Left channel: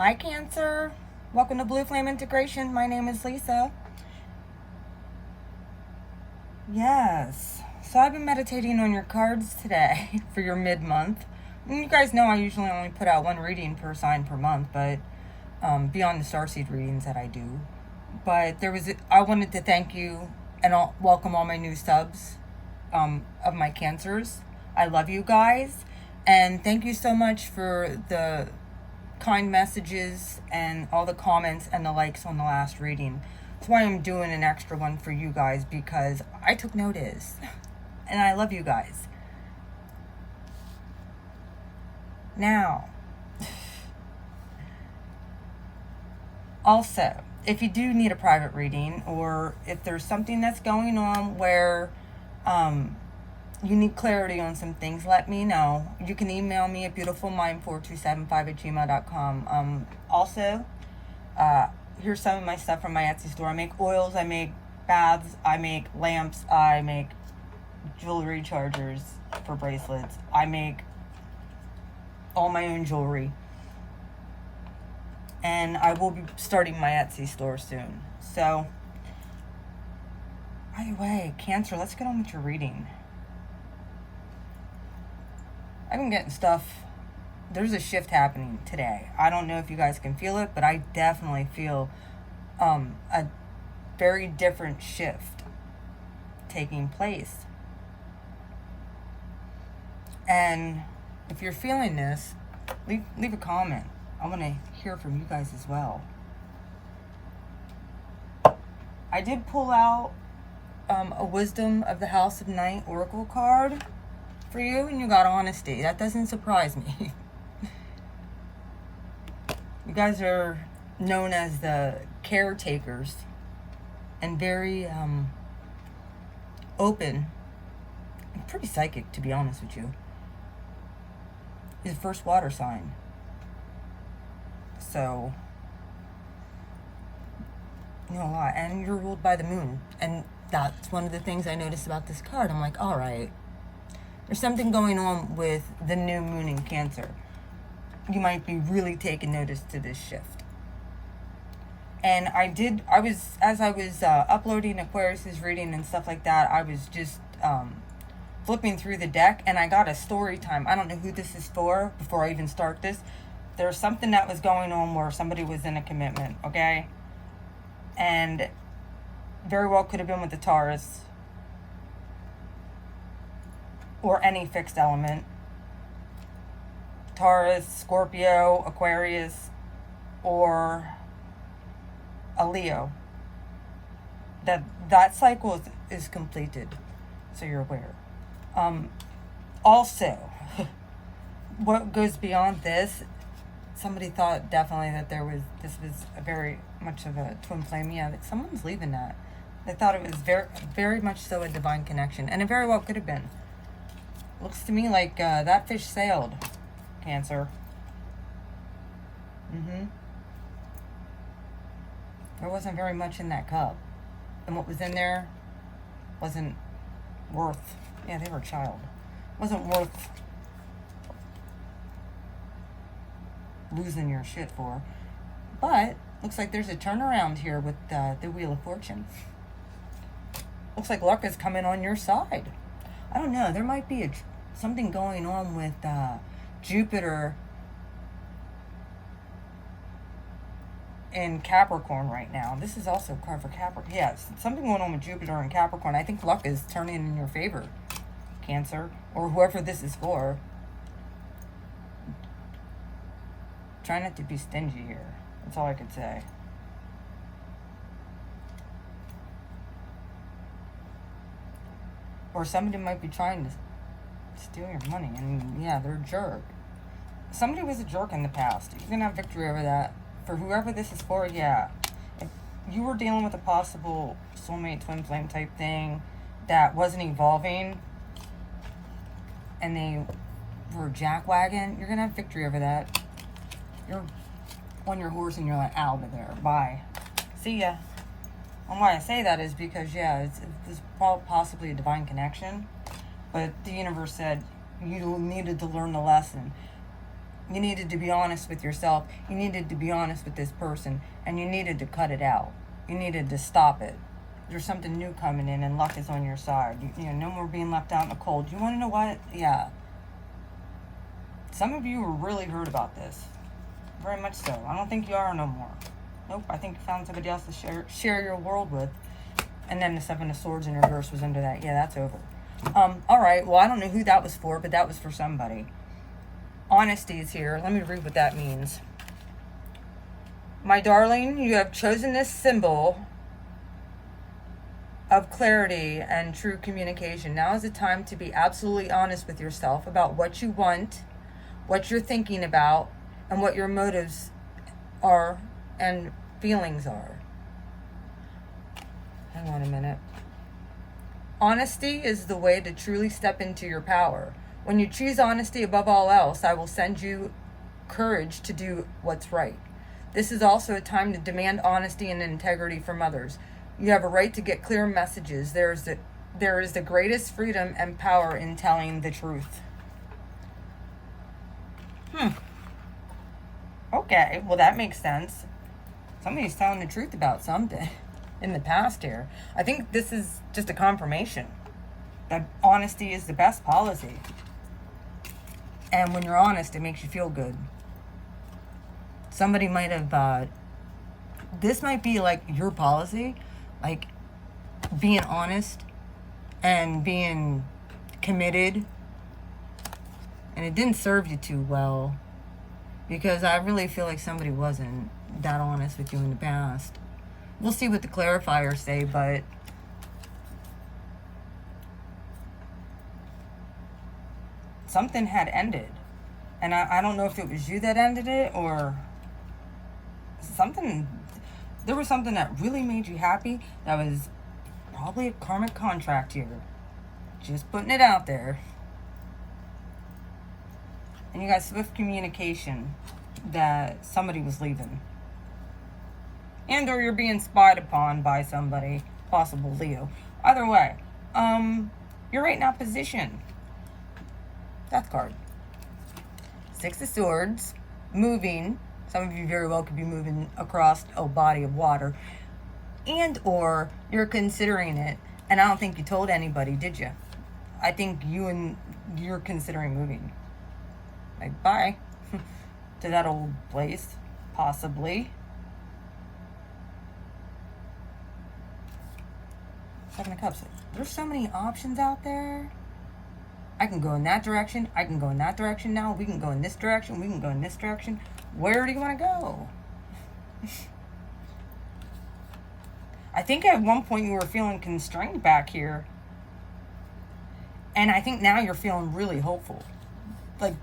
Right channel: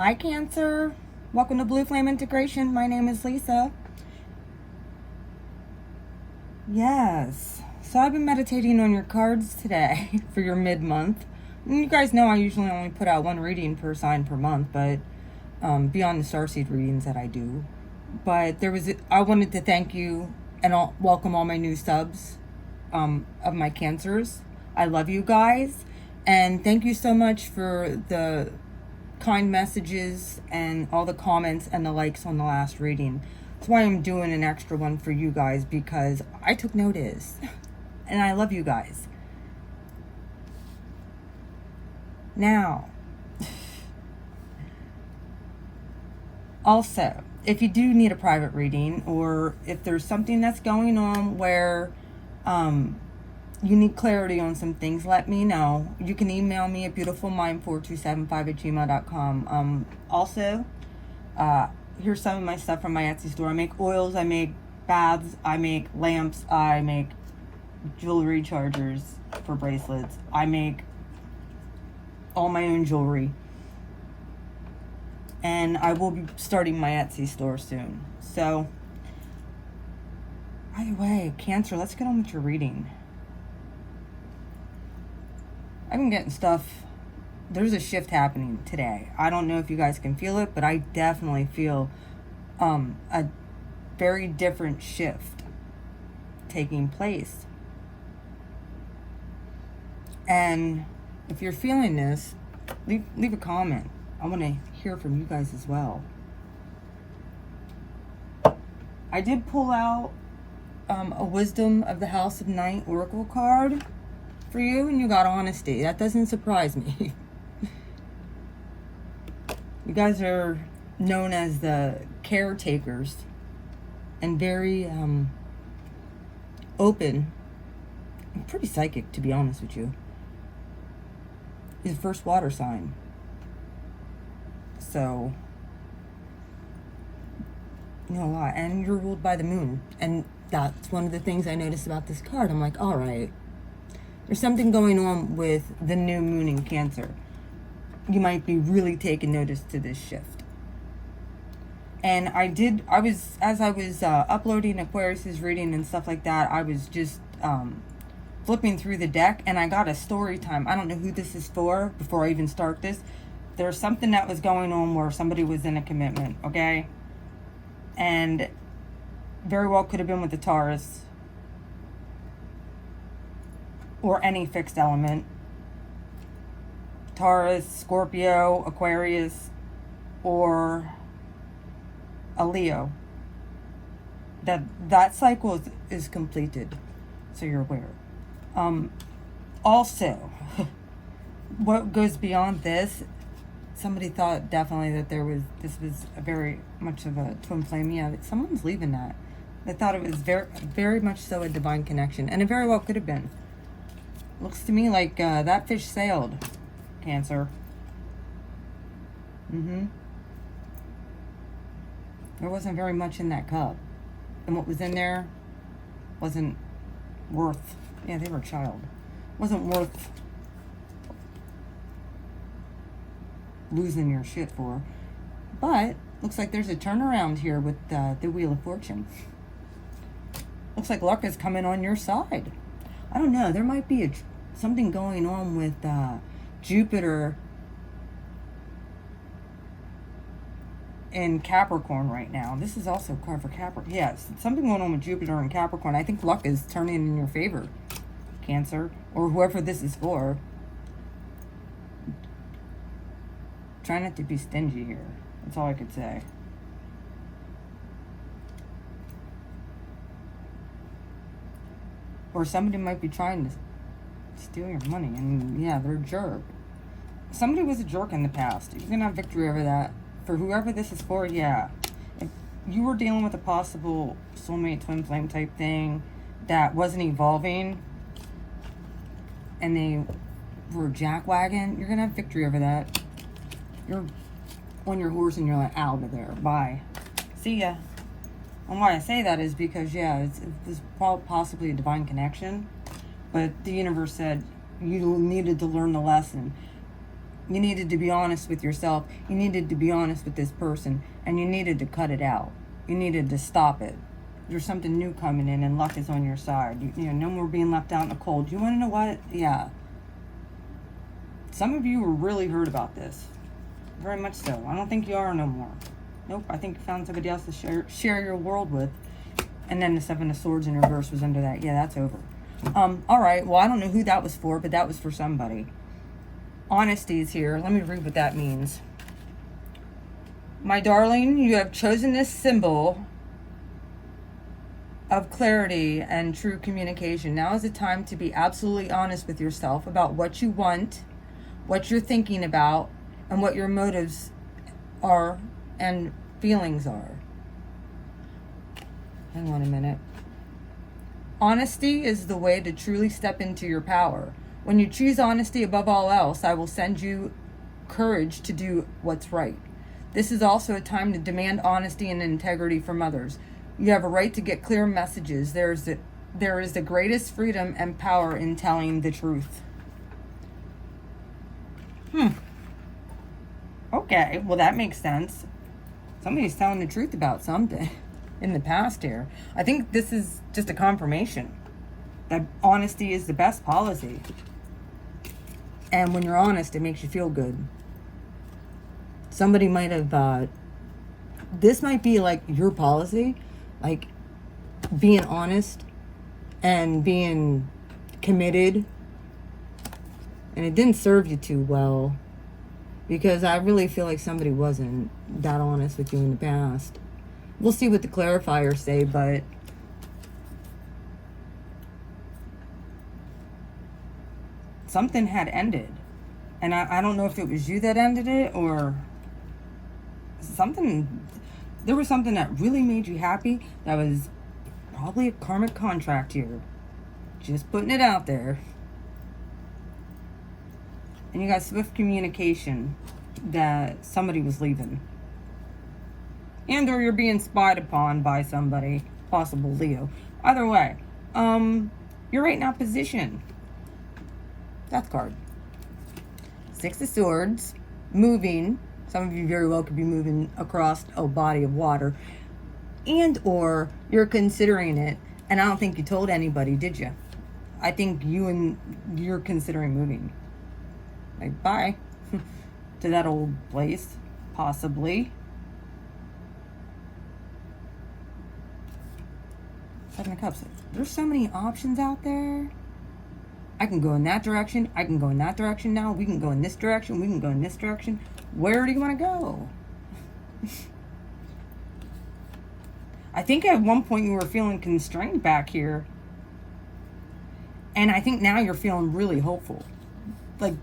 Hi Cancer, welcome to Blue Flame Integration. My name is Lisa. Yes, so I've been meditating on your cards today for your mid-month. You guys know I usually only put out one reading per sign per month, but beyond the starseed readings that I do. But I wanted to thank you and welcome all my new subs of my Cancers. I love you guys, and thank you so much for the kind messages and all the comments and the likes on the last reading. That's why I'm doing an extra one for you guys, because I took notice and I love you guys. Now, also, if you do need a private reading, or if there's something that's going on where you need clarity on some things, let me know. You can email me at beautifulmind4275@gmail.com. Also, here's some of my stuff from my Etsy store. I make oils, I make baths, I make lamps, I make jewelry chargers for bracelets. I make all my own jewelry. And I will be starting my Etsy store soon. So, by the way, Cancer, let's get on with your reading. I've been getting stuff. There's a shift happening today. I don't know if you guys can feel it, but I definitely feel a very different shift taking place. And if you're feeling this, leave a comment. I want to hear from you guys as well. I did pull out a Wisdom of the House of Night Oracle card for you, and you got honesty. That doesn't surprise me. You guys are known as the caretakers and very open and pretty psychic, to be honest with you. Is first water sign. So, you know a lot. And you're ruled by the moon. And that's one of the things I noticed about this card. I'm like, alright, there's something going on with the new moon in Cancer. You might be really taking notice to this shift. And as I was uploading Aquarius's reading and stuff like that, I was just flipping through the deck, and I got a story time. I don't know who this is for before I even start this. There's something that was going on where somebody was in a commitment, okay? And very well could have been with the Taurus or any fixed element. Taurus, Scorpio, Aquarius, or a Leo. That cycle is completed, so you're aware. Also, what goes beyond this, somebody thought definitely that this was a very much of a twin flame. Yeah, that someone's leaving that. They thought it was very, very much so a divine connection, and it very well could have been. Looks to me like that fish sailed, Cancer. There wasn't very much in that cup, and what was in there wasn't worth. Yeah, they were a child. Wasn't worth losing your shit for. But looks like there's a turnaround here with the Wheel of Fortune. Looks like luck is coming on your side. I don't know. There might be something going on with Jupiter in Capricorn right now. This is also a card for Capricorn. Yes, something going on with Jupiter and Capricorn. I think luck is turning in your favor, Cancer, or whoever this is for. Try not to be stingy here. That's all I could say. Or somebody might be trying to steal your money. I mean, yeah, they're a jerk. Somebody was a jerk in the past. You're going to have victory over that. For whoever this is for, yeah. If you were dealing with a possible soulmate, twin flame type thing that wasn't evolving, and they were jackwagon, you're going to have victory over that. You're on your horse and you're like, out of there. Bye. See ya. And why I say that is because, yeah, it was possibly a divine connection, but the universe said you needed to learn the lesson. You needed to be honest with yourself. You needed to be honest with this person. And you needed to cut it out. You needed to stop it. There's something new coming in and luck is on your side. You know, no more being left out in the cold. You want to know what? Yeah. Some of you were really hurt about this. Very much so. I don't think you are no more. Nope, I think you found somebody else to share your world with. And then the Seven of Swords in reverse was under that. Yeah, that's over. Alright, well, I don't know who that was for, but that was for somebody. Honesty is here. Let me read what that means. My darling, you have chosen this symbol of clarity and true communication. Now is the time to be absolutely honest with yourself about what you want, what you're thinking about, and what your motives are and feelings are. Hang on a minute. Honesty is the way to truly step into your power. When you choose honesty above all else, I will send you courage to do what's right. This is also a time to demand honesty and integrity from others. You have a right to get clear messages. There is the greatest freedom and power in telling the truth. Okay, well that makes sense. Somebody's telling the truth about something in the past here. I think this is just a confirmation that honesty is the best policy. And when you're honest, it makes you feel good. Somebody might have, this might be like your policy, like being honest and being committed. And it didn't serve you too well, because I really feel like somebody wasn't that honest with you in the past. We'll see what the clarifiers say, but something had ended. And I don't know if it was you that ended it or something. There was something that really made you happy. That was probably a karmic contract here. Just putting it out there. And you got swift communication that somebody was leaving. And or you're being spied upon by somebody, possible Leo. Either way, you're right in opposition. Death card. Six of Swords, moving. Some of you very well could be moving across a body of water. And or you're considering it, and I don't think you told anybody, did you? I think you're considering moving. Like, bye. To that old place, possibly. Seven of Cups. There's so many options out there. I can go in that direction. I can go in that direction now. We can go in this direction. We can go in this direction. Where do you want to go? I think at one point you were feeling constrained back here. And I think now you're feeling really hopeful. Like,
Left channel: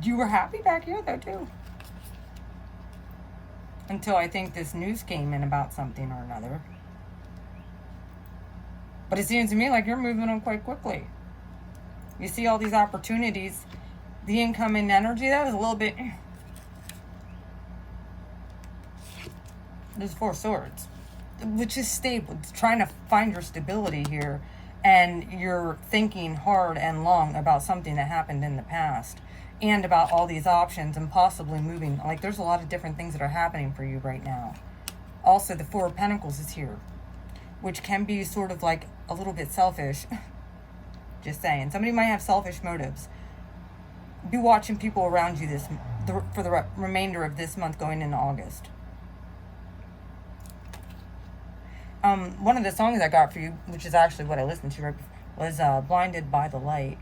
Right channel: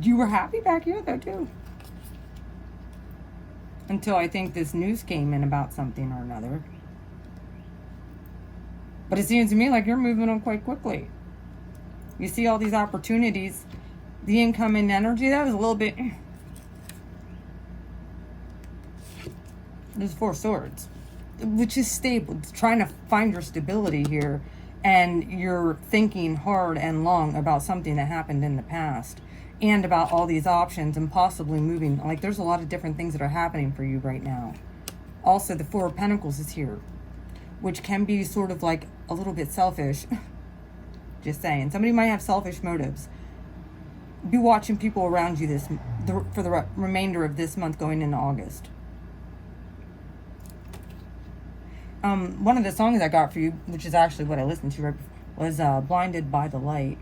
you were happy back here though too. Until I think this news came in about something or another. But it seems to me like you're moving them quite quickly. You see all these opportunities. The incoming energy, that was a little bit... There's Four Swords. Which is stable. It's trying to find your stability here. And you're thinking hard and long about something that happened in the past. And about all these options and possibly moving. Like, there's a lot of different things that are happening for you right now. Also, the Four of Pentacles is here. Which can be sort of like a little bit selfish. Just saying. Somebody might have selfish motives. Be watching people around you for the remainder of this month going into August. One of the songs I got for you, which is actually what I listened to, was Blinded by the Light.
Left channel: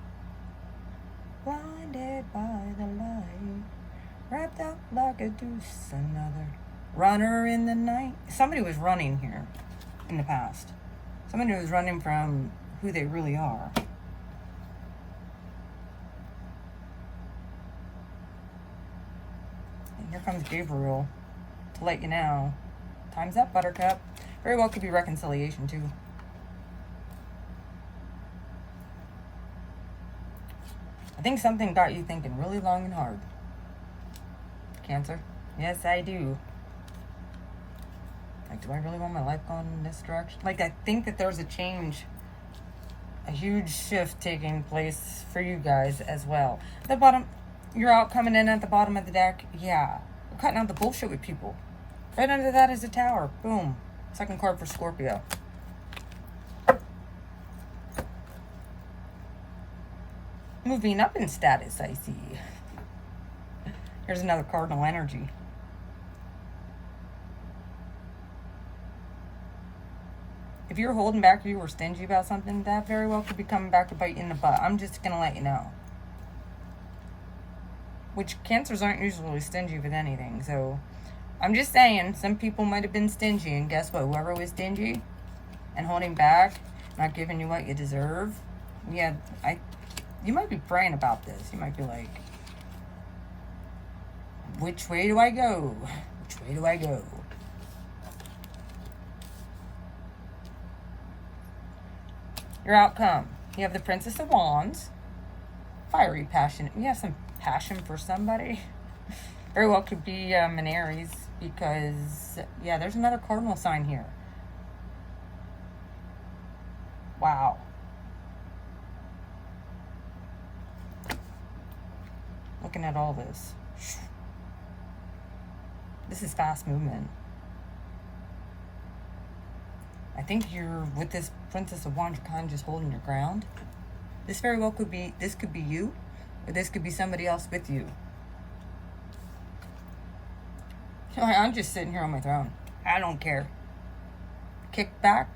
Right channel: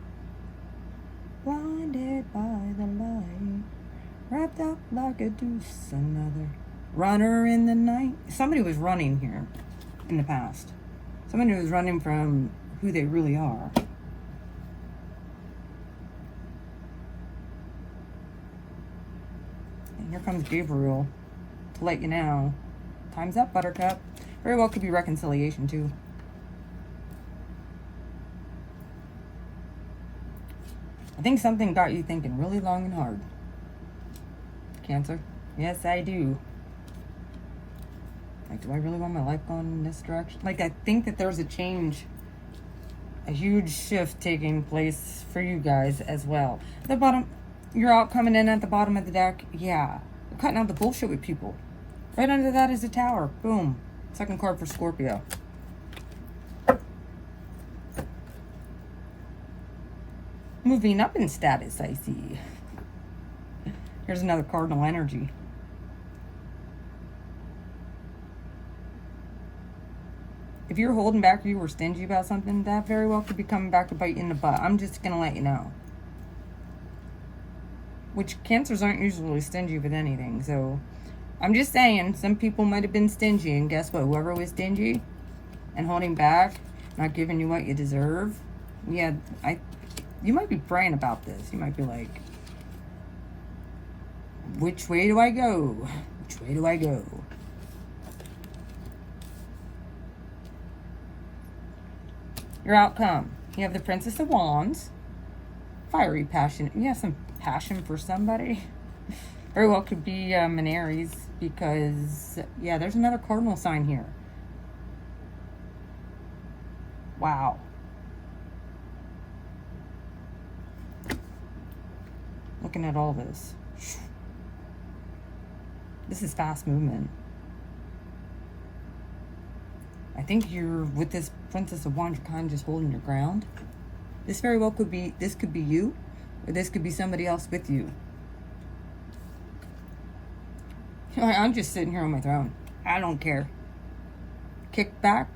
Blinded by the light, wrapped up like a deuce, another runner in the night. Somebody was running here in the past. Somebody was running from who they really are. Here comes Gabriel to let you know. Time's up, Buttercup. Very well could be reconciliation too. I think something got you thinking really long and hard. Cancer. Yes, I do. Like, do I really want my life going in this direction? Like, I think that there's a change, a huge shift taking place for you guys as well. At the bottom, You're out coming in at the bottom of the deck. Yeah. You're cutting out the bullshit with people. Right under that is a Tower. Boom. Second card for Scorpio. Moving up in status, I see. Here's another cardinal energy. If you're holding back or you were stingy about something, that very well could be coming back to bite you in the butt. I'm just going to let you know. Which Cancers aren't usually stingy with anything. So I'm just saying, some people might have been stingy. And guess what? Whoever was stingy and holding back, not giving you what you deserve. Yeah, you might be praying about this. You might be like, which way do I go? Which way do I go? Your outcome. You have the Princess of Wands. Fiery passion. You have some passion for somebody. Very well could be an Aries because, yeah, there's another cardinal sign here. Wow. Looking at all this. This is fast movement. I think you're, with this Princess of Wands, kind of just holding your ground. This very well could be, this could be you, or this could be somebody else with you. I'm just sitting here on my throne. I don't care. Kick back,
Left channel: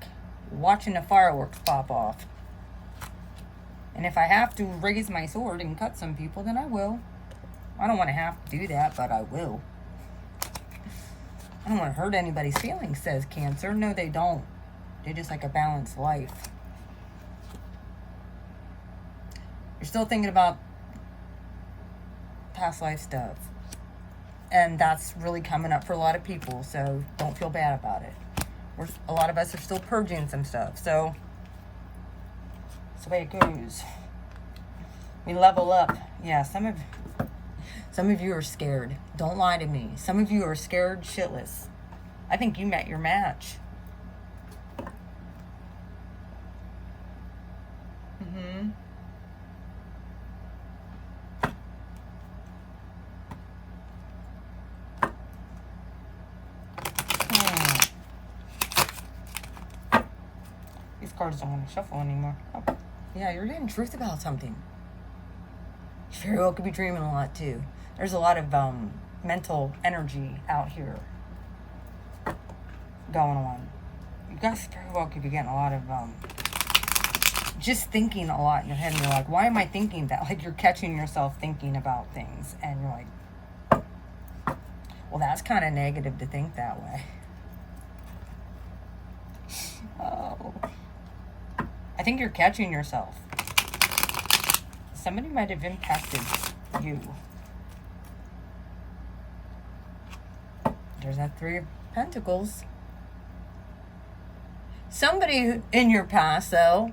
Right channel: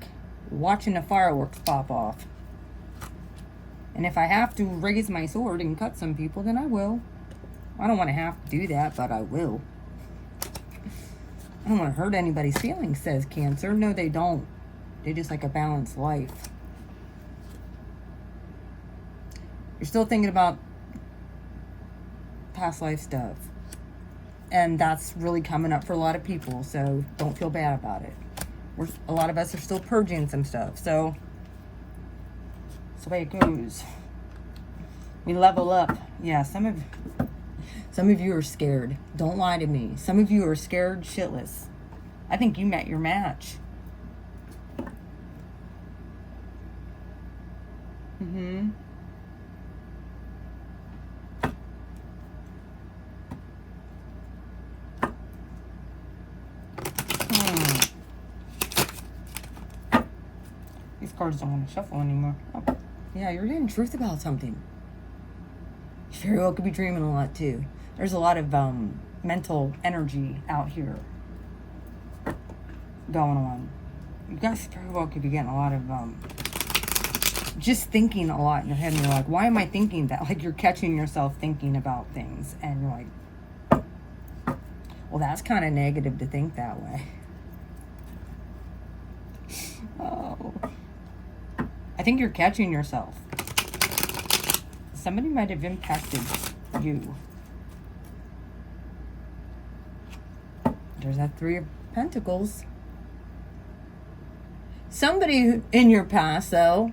watching the fireworks pop off. And if I have to raise my sword and cut some people, then I will. I don't want to have to do that, but I will. I don't want to hurt anybody's feelings, says Cancer. No, they don't. They just like a balanced life. You're still thinking about past life stuff. And that's really coming up for a lot of people, so don't feel bad about it. A lot of us are still purging some stuff, so that's the way it goes. We level up. Yeah, some of you are scared. Don't lie to me. Some of you are scared shitless. I think you met your match. These cards don't want to shuffle anymore. Oh. Yeah, you're getting truth about something. Very well could be dreaming a lot too. There's a lot of mental energy out here going on. You guys very well could be getting a lot of just thinking a lot in your head, and you're like, why am I thinking that? Like, you're catching yourself thinking about things, and you're like, well, that's kind of negative to think that way. Oh, I think you're catching yourself. Somebody might have impacted you. There's a Three of Pentacles. Somebody in your past, though,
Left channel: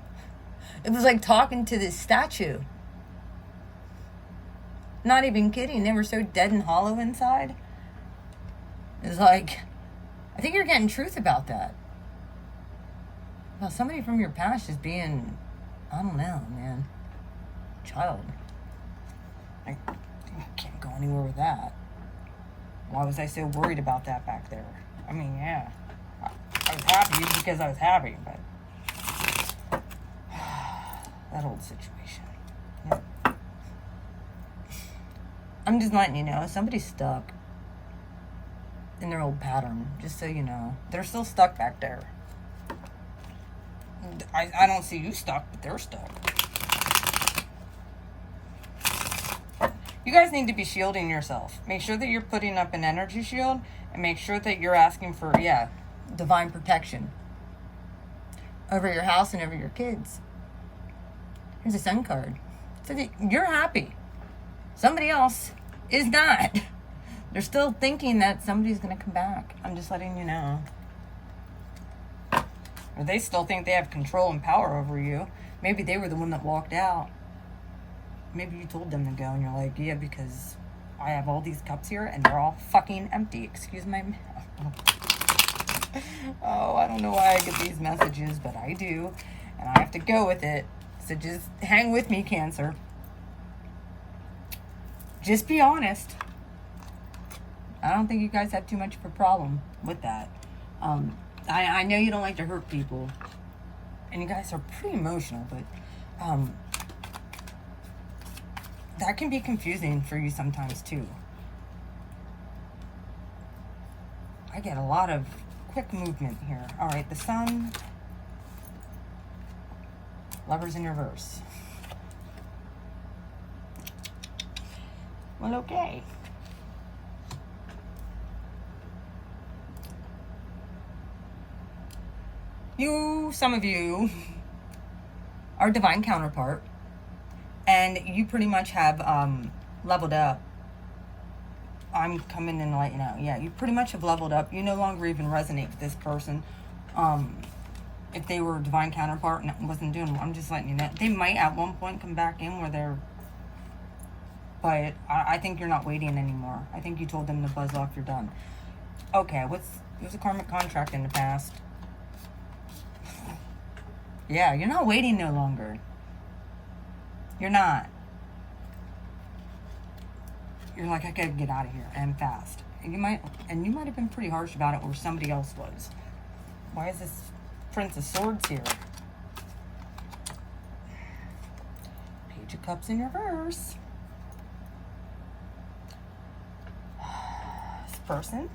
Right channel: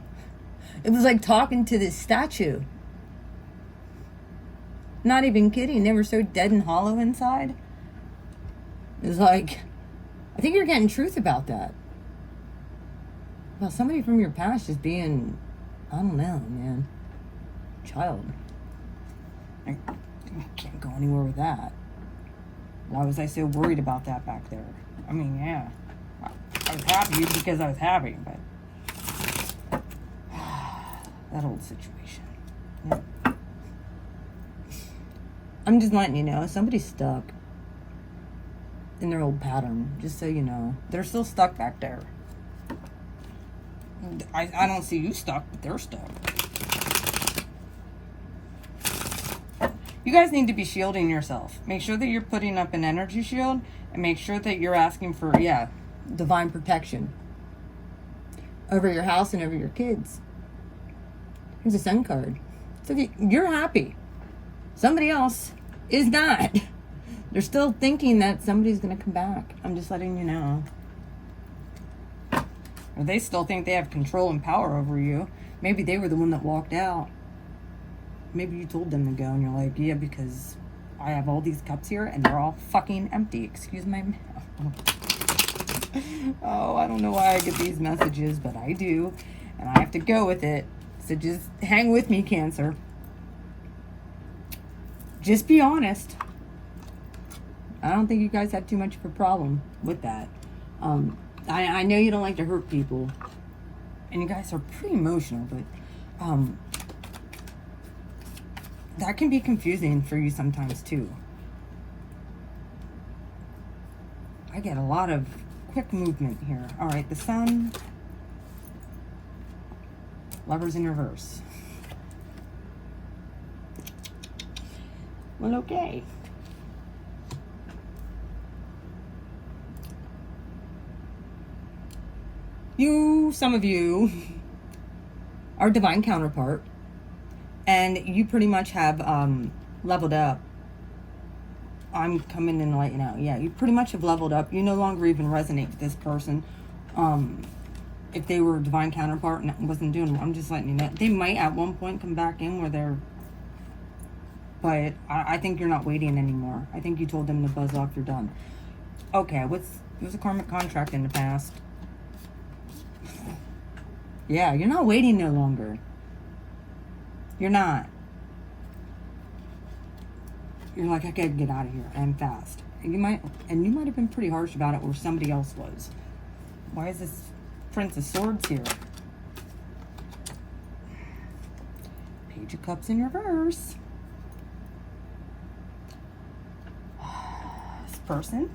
it was like talking to this statue. Not even kidding. They were so dead and hollow inside. It was like, I think you're getting truth about that. Well, somebody from your past is being, I don't know, man. Child. I can't go anywhere with that. Why was I so worried about that back there? I mean, yeah. I was happy because I was happy, but that old situation. Yeah. I'm just letting you know, somebody's stuck in their old pattern, just so you know. They're still stuck back there. I don't see you stuck, but they're stuck. You guys need to be shielding yourself. Make sure that you're putting up an energy shield, and make sure that you're asking for, yeah, divine protection over your house and over your kids. Here's a Sun card. So that you're happy. Somebody else is not. They're still thinking that somebody's going to come back. I'm just letting you know. Or they still think they have control and power over you. Maybe they were the one that walked out. Maybe you told them to go and you're like, yeah, because I have all these cups here and they're all fucking empty. Excuse my mouth. Oh, I don't know why I get these messages, but I do. And I have to go with it. So just hang with me, Cancer. Just be honest. I don't think you guys have too much of a problem with that. I know you don't like to hurt people, and you guys are pretty emotional, but that can be confusing for you sometimes too. I get a lot of quick movement here. All right, the Sun, Lovers in reverse. Well, okay. Some of you are divine counterpart, and you pretty much have leveled up. I'm coming in light now. Yeah, you pretty much have leveled up. You no longer even resonate with this person. If they were a divine counterpart and it wasn't doing, I'm just letting you know. They might at one point come back in where they're, but I think you're not waiting anymore. I think you told them to buzz off, you're done. Okay, what's a karmic contract in the past? Yeah, you're not waiting no longer. You're not. You're like, I gotta get out of here and fast. And you might have been pretty harsh about it where somebody else was. Why is this Prince of Swords here? Page of Cups in reverse. This person.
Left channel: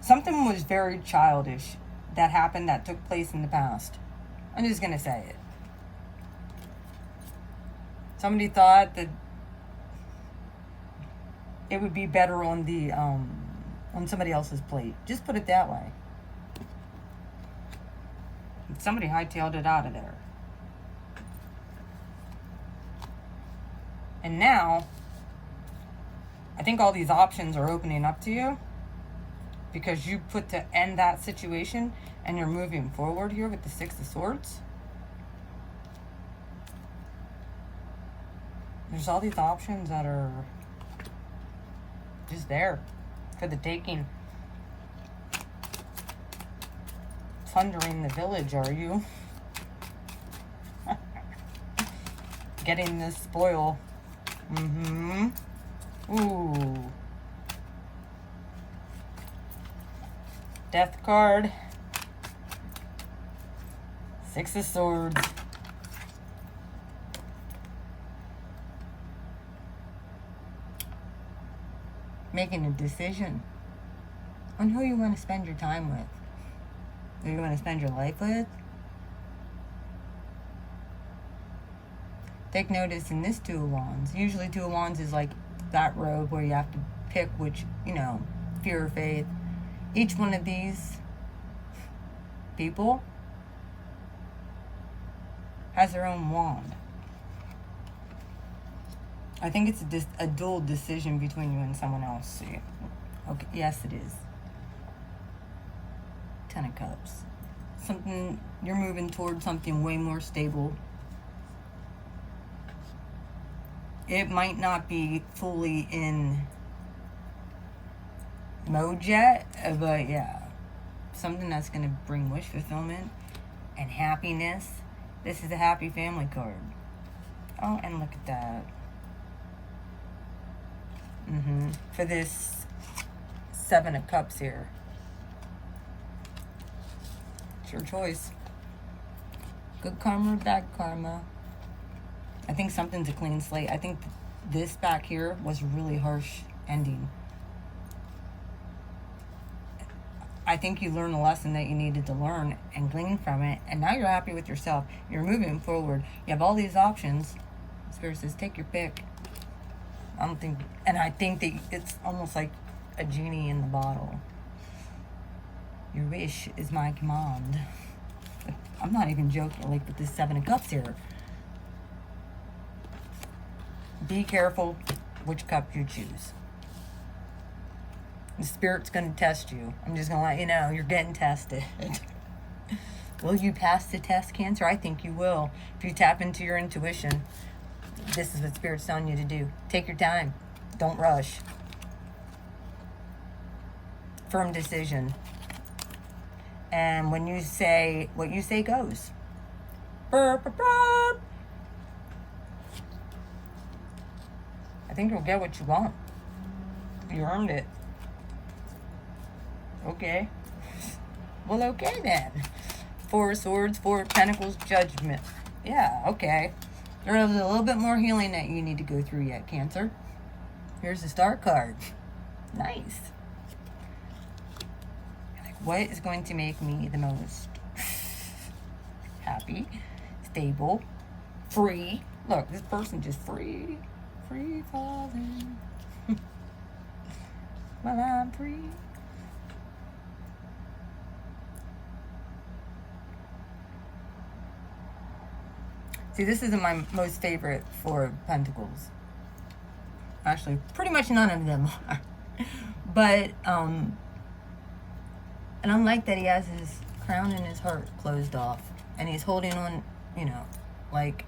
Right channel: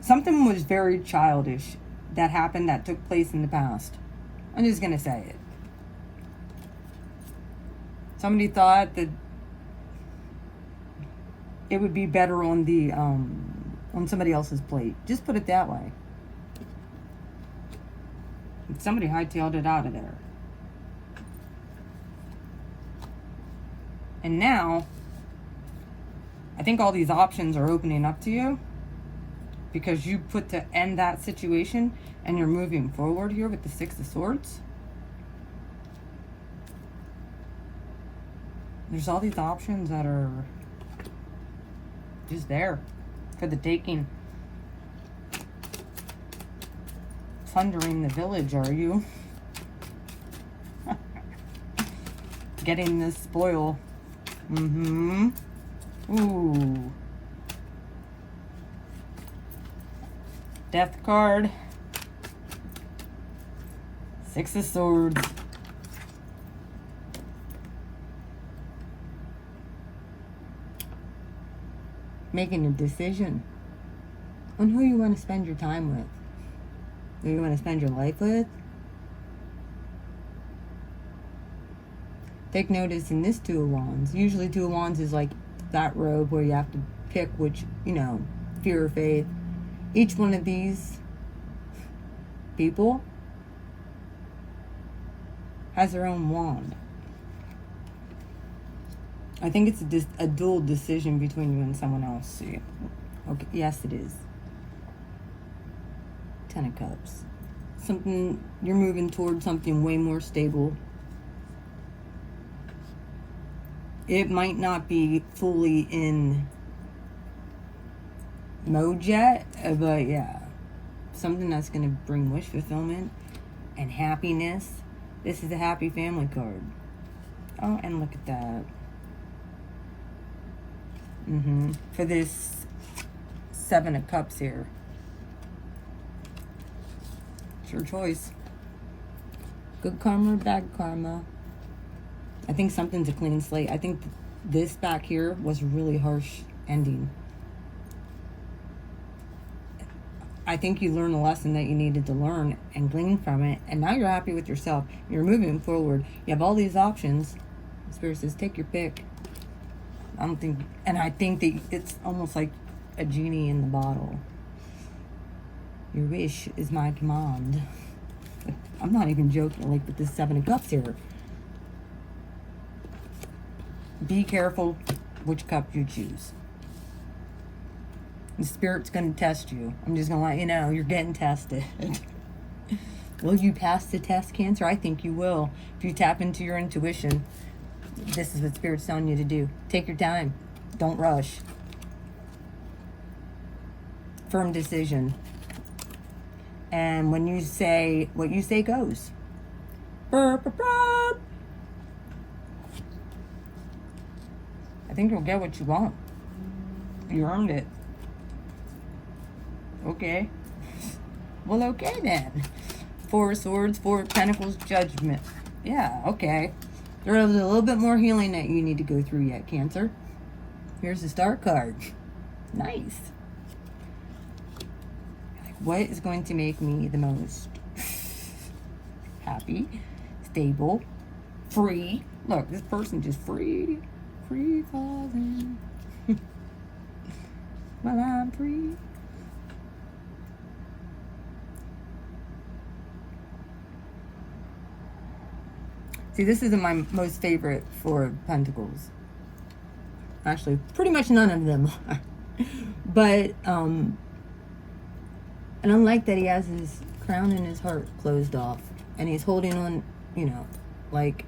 Something was very childish that happened, that took place in the past. I'm just gonna say it. Somebody thought that it would be better on the on somebody else's plate. Just put it that way. And somebody hightailed it out of there. And now, I think all these options are opening up to you because you put to end that situation and you're moving forward here with the Six of Swords. There's all these options that are just there for the taking. Plundering the village, are you? Getting this spoil. Mm-hmm. Ooh. Death card. Six of Swords. Making a decision on who you want to spend your time with. Who you want to spend your life with. Take notice in this Two of Wands. Usually Two of Wands is like that road where you have to pick which, fear or faith. Each one of these people has their own wand. I think it's a dual decision between you and someone else. So yeah. Okay, yes it is. Ten of Cups. Something, you're moving towards something way more stable. It might not be fully in mode yet, but yeah. Something that's going to bring wish fulfillment and happiness. This is a happy family card. Oh, and look at that. For this Seven of Cups here. It's your choice. Good karma or bad karma. I think something's a clean slate. I think this back here was a really harsh ending. I think you learned a lesson that you needed to learn and glean from it. And now you're happy with yourself. You're moving forward. You have all these options. Spirit says, take your pick. I think that it's almost like a genie in the bottle. Your wish is my command. I'm not even joking, like with this Seven of Cups here. Be careful which cup you choose. The Spirit's going to test you. I'm just going to let you know, you're getting tested. Will you pass the test, Cancer? I think you will. If you tap into your intuition, this is what Spirit's telling you to do. Take your time. Don't rush. Firm decision. And when you say, what you say goes. Burp, burp, burp. think you'll get what you want. You earned it. Okay. Well, okay then. Four of Swords, Four of Pentacles, Judgment. Yeah, okay. There's a little bit more healing that you need to go through yet, Cancer. Here's the Star card. Nice. What is going to make me the most happy, stable, free? Look, this person just free. Free falling. Well, I'm free. See, this isn't my most favorite Four of Pentacles. Actually, pretty much none of them are. But, and I like that he has his crown and his heart closed off. And he's holding on, you know, like,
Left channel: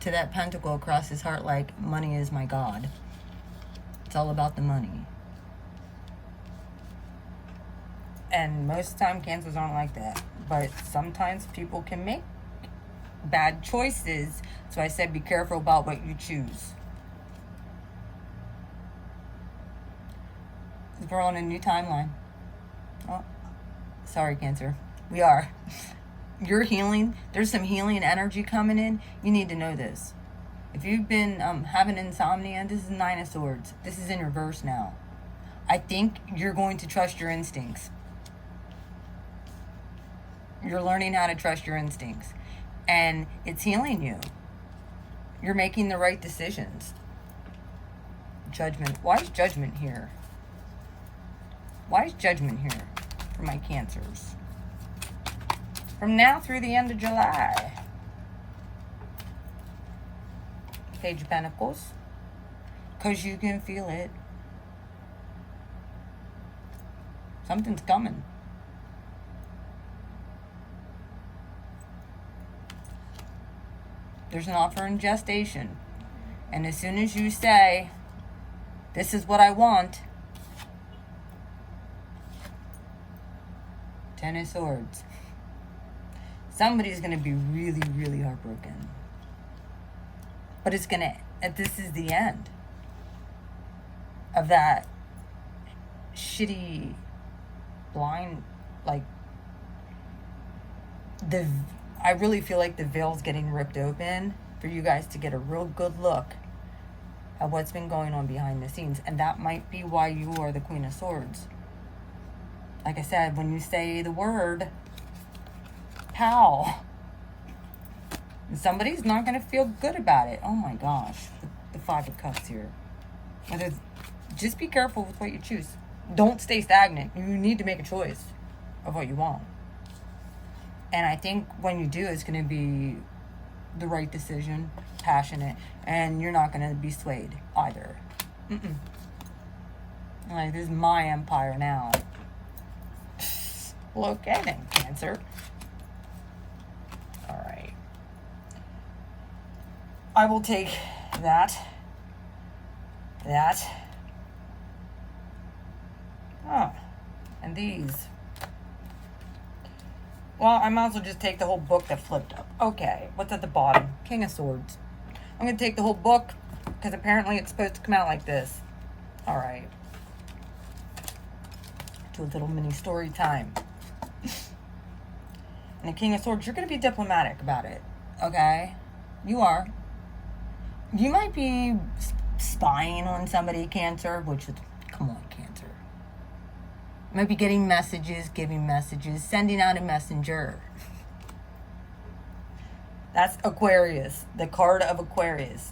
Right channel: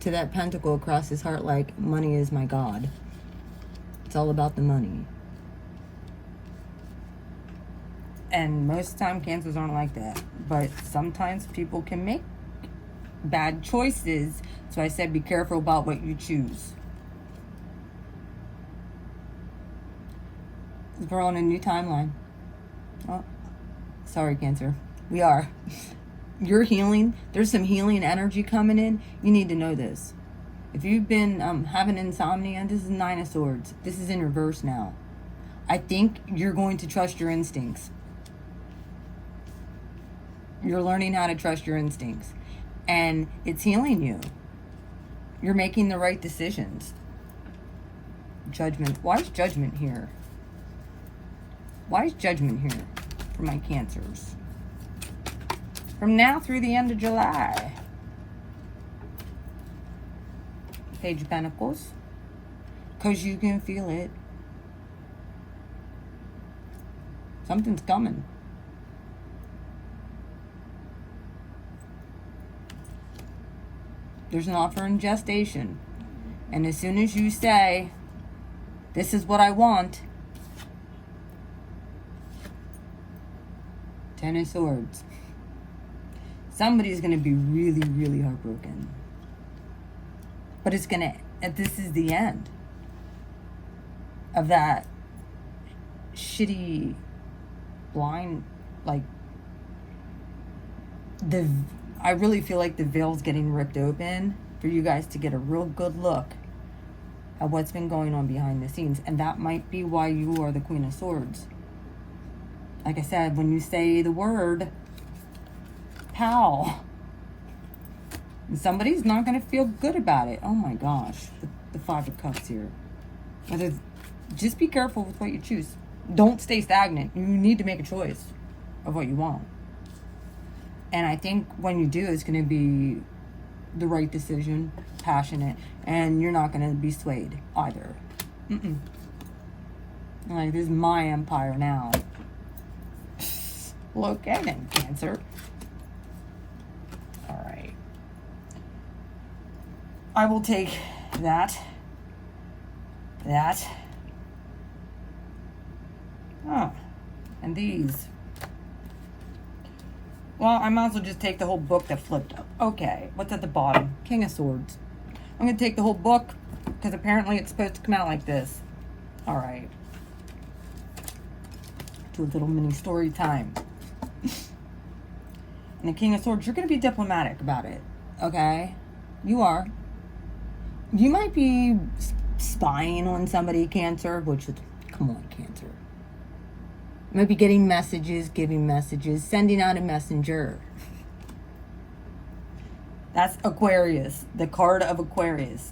to that pentacle across his heart, like, money is my God. It's all about the money. And most of the time, Cancers aren't like that. But sometimes people can make bad choices. So I said be careful about what you choose. We're on a new timeline. Oh, sorry, Cancer. We are. You're healing. There's some healing energy coming in. You need to know this. If you've been having insomnia, this is Nine of Swords. This is in reverse now. I think you're going to trust your instincts. You're learning how to trust your instincts. And it's healing you. You're making the right decisions. Judgment. Why is Judgment here? Why is Judgment here for my Cancers? From now through the end of July. Page of Pentacles. Because you can feel it. Something's coming. There's an offer in gestation. And as soon as you say, this is what I want. Ten of Swords. Somebody's going to be really, really heartbroken. But it's going to, this is the end of that shitty, blind, like, I really feel like the veil's getting ripped open for you guys to get a real good look at what's been going on behind the scenes. And that might be why you are the Queen of Swords. Like I said, when you say the word, pow, somebody's not going to feel good about it. Oh my gosh. The Five of Cups here. Just be careful with what you choose. Don't stay stagnant. You need to make a choice of what you want. And I think when you do, it's going to be the right decision, passionate, and you're not going to be swayed either. Like, this is my empire now. Look at it, Cancer. Alright. I will take that. Oh, and these. Well, I might as well just take the whole book that flipped up. Okay, what's at the bottom? King of Swords. I'm going to take the whole book because apparently it's supposed to come out like this. Alright. Do a little mini story time. And the King of Swords, you're going to be diplomatic about it. Okay? You are. You might be spying on somebody, Cancer, which is, come on, Cancer. Maybe getting messages, giving messages, sending out a messenger. That's Aquarius. The card of Aquarius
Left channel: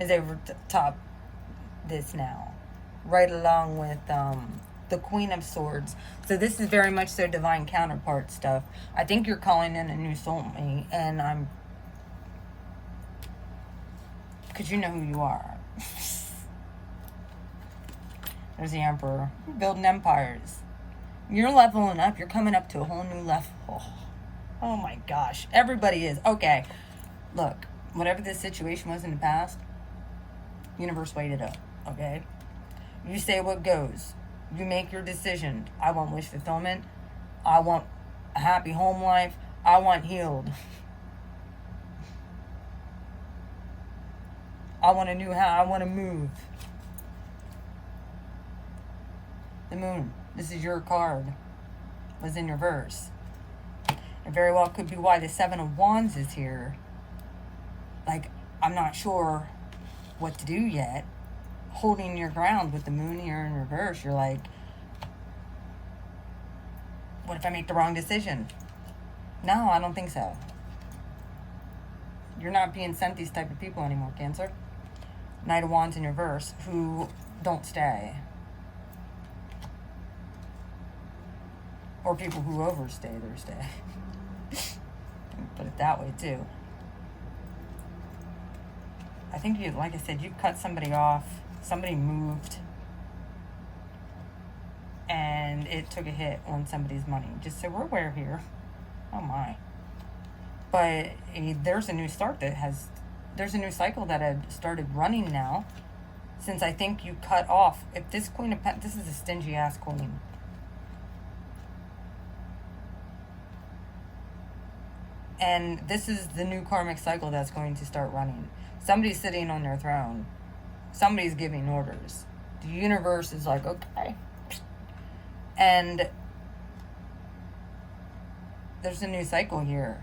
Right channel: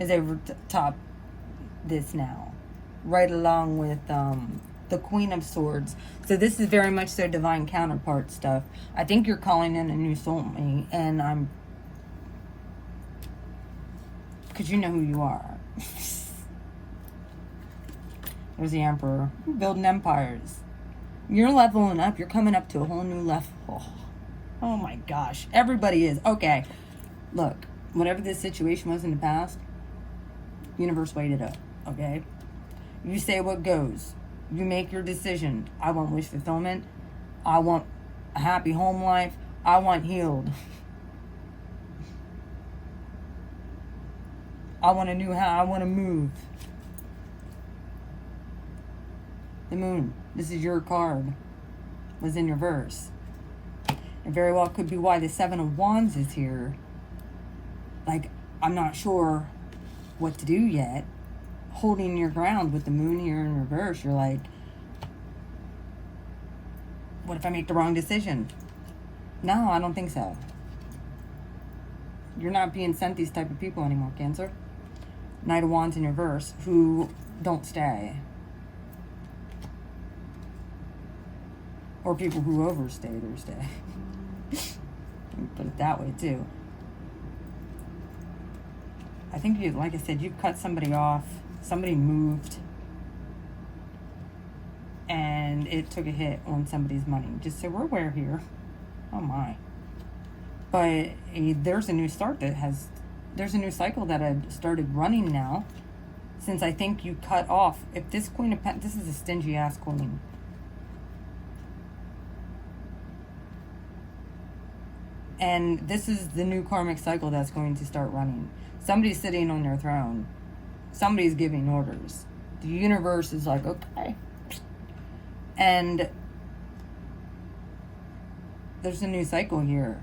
is over top this now. Right along with the Queen of Swords. So this is very much so divine counterpart stuff. I think you're calling in a new soulmate, and I'm... because you know who you are. There's the Emperor. You're building empires. You're leveling up. You're coming up to a whole new level. Oh my gosh. Everybody is. Okay. Look. Whatever this situation was in the past, universe weighed it up. Okay? You say what goes. You make your decision. I want wish fulfillment. I want a happy home life. I want healed. I want a new house. I want to move. The Moon. This is your card. Was in reverse. It very well could be why the Seven of Wands is here. Like, I'm not sure what to do yet. Holding your ground with the Moon here in reverse. You're like, what if I make the wrong decision? No, I don't think so. You're not being sent these type of people anymore, Cancer. Knight of Wands in reverse, who don't stay. Or people who overstay their stay. Put it that way, too. I think you, like I said, you cut somebody off. Somebody moved. And it took a hit on somebody's money. Just so we're aware here. Oh my. But there's a new start that has, there's a new cycle that had started running now. Since I think you cut off, if this Queen of Pentacles, this is a stingy ass queen. And this is the new karmic cycle that's going to start running. Somebody's sitting on their throne. Somebody's giving orders. The universe is like, okay. And there's a new cycle here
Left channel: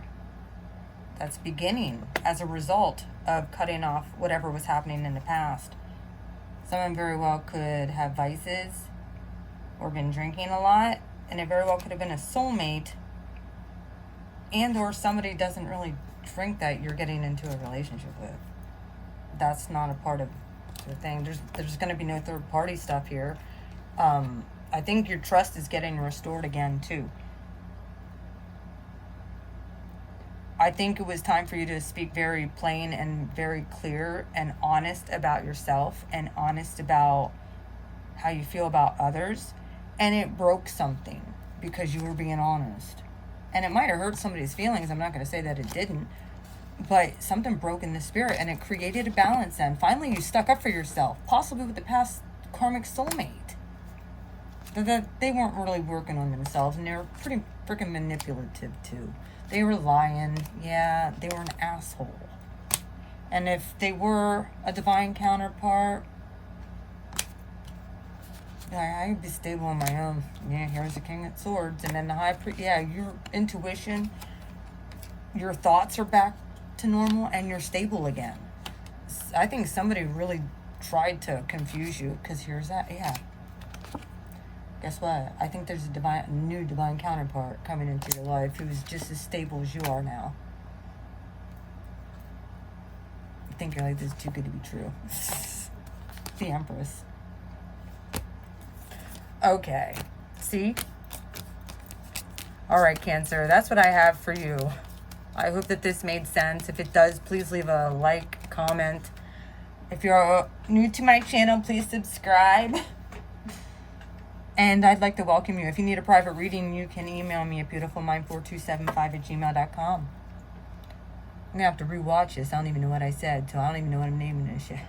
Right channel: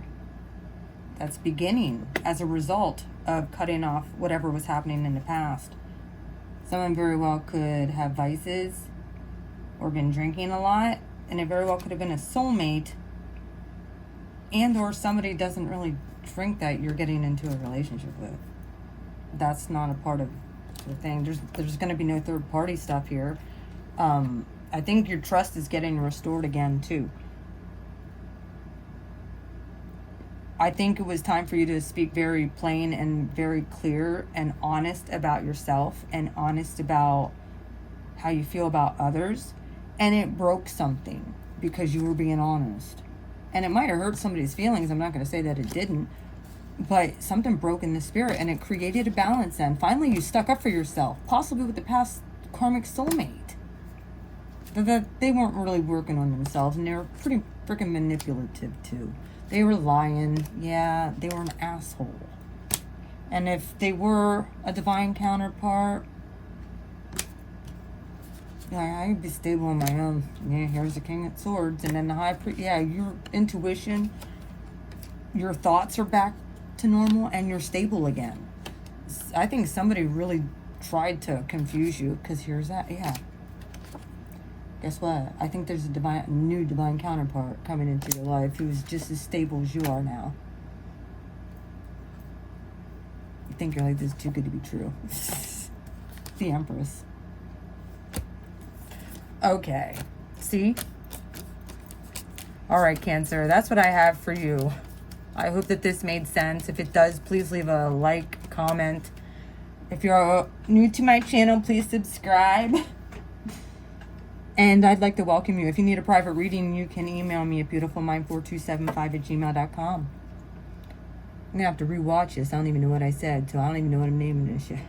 that's beginning as a result of cutting off whatever was happening in the past. Someone very well could have vices or been drinking a lot, and it very well could have been a soulmate, and or somebody doesn't really drink that you're getting into a relationship with. That's not a part of the thing. There's going to be no third party stuff here. I think your trust is getting restored again too. I think it was time for you to speak very plain and very clear and honest about yourself and honest about how you feel about others. And it broke something because you were being honest. And it might have hurt somebody's feelings. I'm not going to say that it didn't. But something broke in the spirit and it created a balance. And finally you stuck up for yourself. Possibly with the past karmic soulmate. But they weren't really working on themselves. And they were pretty freaking manipulative too. They were lying. Yeah, they were an asshole. And if they were a divine counterpart, I'd be stable on my own. Yeah, here's the King of Swords. And then the High Priest. Yeah, your intuition, your thoughts are back to normal, and you're stable again. I think somebody really tried to confuse you, because here's that. Yeah. Guess what? I think there's a new divine counterpart coming into your life who's just as stable as you are now. I think you're like, this is too good to be true. The Empress. Okay. See? Alright, Cancer. That's what I have for you. I hope that this made sense. If it does, please leave a like, comment. If you're new to my channel, please subscribe. And I'd like to welcome you. If you need a private reading, you can email me at beautifulmind4275@gmail.com. I'm going to have to rewatch this. I don't even know what I said, so I don't even know what I'm naming this shit.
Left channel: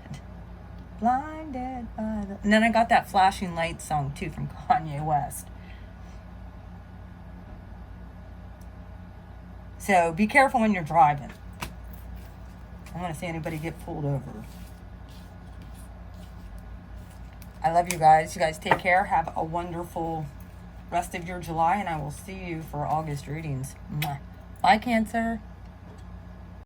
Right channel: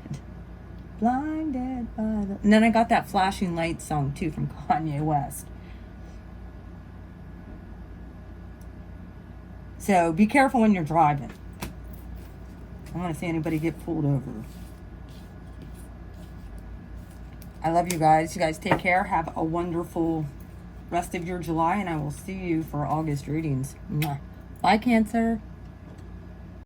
Blinded by the... And then I got that Flashing Lights song, too, from Kanye West. So, be careful when you're driving. I don't want to see anybody get pulled over. I love you guys. You guys take care. Have a wonderful rest of your July, and I will see you for August readings. Bye, Cancer.